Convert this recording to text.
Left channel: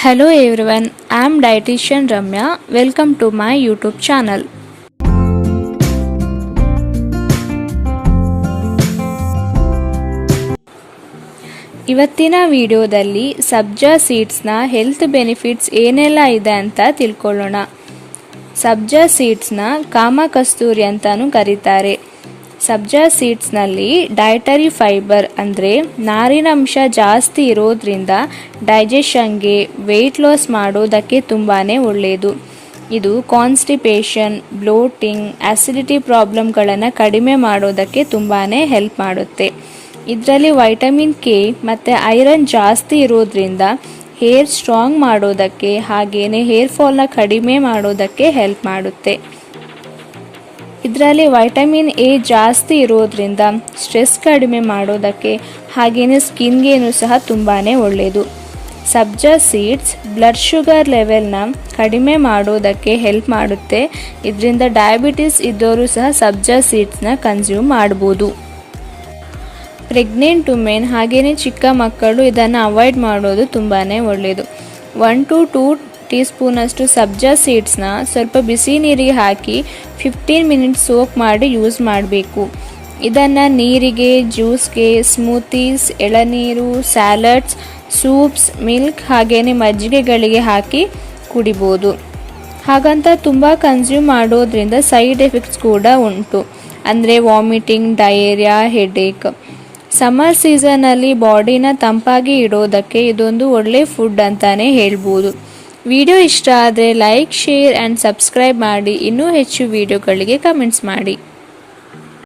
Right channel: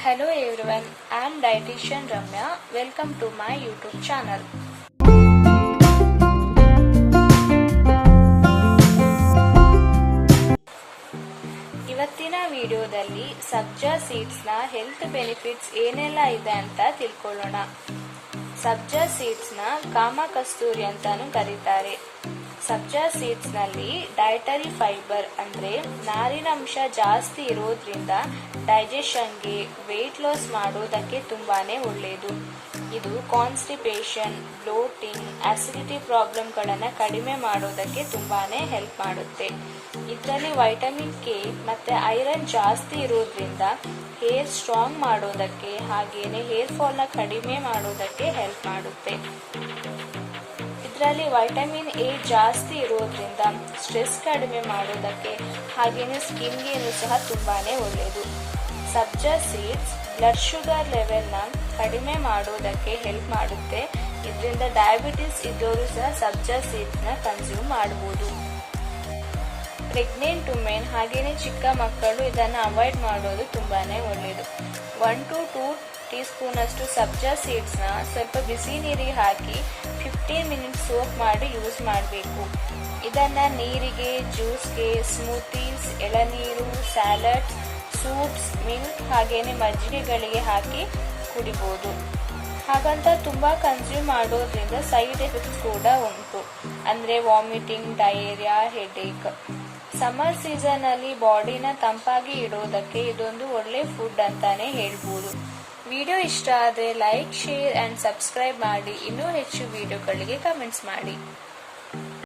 Hello everyone, I am dietitian Ramya. Welcome to my YouTube channel. ಇವತ್ತಿನ ವಿಡಿಯೋದಲ್ಲಿ ಸಬ್ಜಾ ಸೀಡ್ಸ್ನ health benefits ಏನೆಲ್ಲ ಇದೆ ಅಂತ ತಿಳ್ಕೊಳ್ಳೋಣ. ಸಬ್ಜಾ ಸೀಡ್ಸ್ನ ಕಾಮಕಸ್ತೂರಿ ಅಂತಾನೂ ಕರೀತಾರೆ. ಸಬ್ಜಾ ಸೀಡ್ಸ್ನಲ್ಲಿ ಡಯಟರಿ ಫೈಬರ್ ಅಂದರೆ ನಾರಿನಂಶ ಜಾಸ್ತಿ ಇರೋದ್ರಿಂದ ಡೈಜೆಷನ್ಗೆ ವೆಯ್ಟ್ ಲಾಸ್ ಮಾಡೋದಕ್ಕೆ ತುಂಬಾ ಒಳ್ಳೆಯದು. ಇದು ಕಾನ್ಸ್ಟಿಪೇಷನ್, ಬ್ಲೋಟಿಂಗ್, ಆಸಿಡಿಟಿ ಪ್ರಾಬ್ಲಮ್ಗಳನ್ನು ಕಡಿಮೆ ಮಾಡೋದಕ್ಕೆ ತುಂಬಾ ಹೆಲ್ಪ್ ಮಾಡುತ್ತೆ. ಇದರಲ್ಲಿ ವೈಟಮಿನ್ ಕೆ ಮತ್ತು ಐರನ್ ಜಾಸ್ತಿ ಇರೋದ್ರಿಂದ ಹೇರ್ ಸ್ಟ್ರಾಂಗ್ ಮಾಡೋದಕ್ಕೆ ಹಾಗೆಯೇ ಹೇರ್ ಫಾಲ್ನ ಕಡಿಮೆ ಮಾಡೋದಕ್ಕೆ ಹೆಲ್ಪ್ ಮಾಡುತ್ತೆ. ಇದರಲ್ಲಿ ವೈಟಮಿನ್ ಎ ಜಾಸ್ತಿ ಇರೋದ್ರಿಂದ ಸ್ಟ್ರೆಸ್ ಕಡಿಮೆ ಮಾಡೋದಕ್ಕೆ ಹಾಗೆಯೇ ಸ್ಕಿನ್ಗೇನು ಸಹ ತುಂಬಾ ಒಳ್ಳೆಯದು. ಸಬ್ಜಾ ಸೀಡ್ಸ್ ಬ್ಲಡ್ ಶುಗರ್ ಲೆವೆಲ್ನ ಕಡಿಮೆ ಮಾಡೋದಕ್ಕೆ ಹೆಲ್ಪ್ ಮಾಡುತ್ತೆ. ಇದರಿಂದ ಡಯಾಬಿಟಿಸ್ ಇದ್ದವರು ಸಹ ಸಬ್ಜಾ ಸೀಡ್ಸ್ನ ಕನ್ಸ್ಯೂಮ್ ಮಾಡ್ಬೋದು. ಪ್ರೆಗ್ನೆಂಟ್ ವುಮೆನ್ ಹಾಗೆಯೇ ಚಿಕ್ಕ ಮಕ್ಕಳು ಇದನ್ನು ಅವಾಯ್ಡ್ ಮಾಡೋದು ತುಂಬಾ ಒಳ್ಳೆಯದು. 1 to 2 ಟೀ ಸ್ಪೂನಷ್ಟು ಸಬ್ಜಾ ಸೀಡ್ಸ್ನ ಸ್ವಲ್ಪ ಬಿಸಿ ನೀರಿಗೆ ಹಾಕಿ 15 ಮಿನಿಟ್ಸ್ ಸೋಕ್ ಮಾಡಿ ಯೂಸ್ ಮಾಡಬೇಕು. ಇದನ್ನು ನೀರಿಗೆ, ಜ್ಯೂಸ್ಗೆ, ಸ್ಮೂತೀಸ್, ಎಳನೀರು, ಸ್ಯಾಲಡ್ಸ್, ಸೂಪ್ಸ್, ಮಿಲ್ಕ್ ಹಾಗೆಯೇ ಮಜ್ಜಿಗೆಗಳಿಗೆ ಹಾಕಿ ಕುಡಿಬೋದು. ಹಾಗಂತ ತುಂಬ ಕನ್ಸ್ಯೂಮ್ ಮಾಡೋದ್ರಿಂದ ಸೈಡ್ ಎಫೆಕ್ಟ್ಸ್ ಕೂಡ ಉಂಟು, ಅಂದರೆ ವಾಮಿಟಿಂಗ್, ಡಯೇರಿಯಾ, ಹೆಡೇಕ್. ಸಮ್ಮರ್ ಸೀಸನಲ್ಲಿ ಬಾಡಿನ ತಂಪಾಗಿ ಇಡೋದಕ್ಕೆ ಇದೊಂದು ಒಳ್ಳೆ ಫುಡ್ ಅಂತಾನೆ ಹೇಳ್ಬೋದು. ವಿಡಿಯೋ ಇಷ್ಟ ಆದರೆ ಲೈಕ್, ಶೇರ್ ಆ್ಯಂಡ್ ಸಬ್ಸ್ಕ್ರೈಬ್ ಮಾಡಿ. ಇನ್ನೂ ಹೆಚ್ಚು ವಿಡಿಯೋಗಳಿಗೆ ಕಮೆಂಟ್ಸ್ ಮಾಡಿ.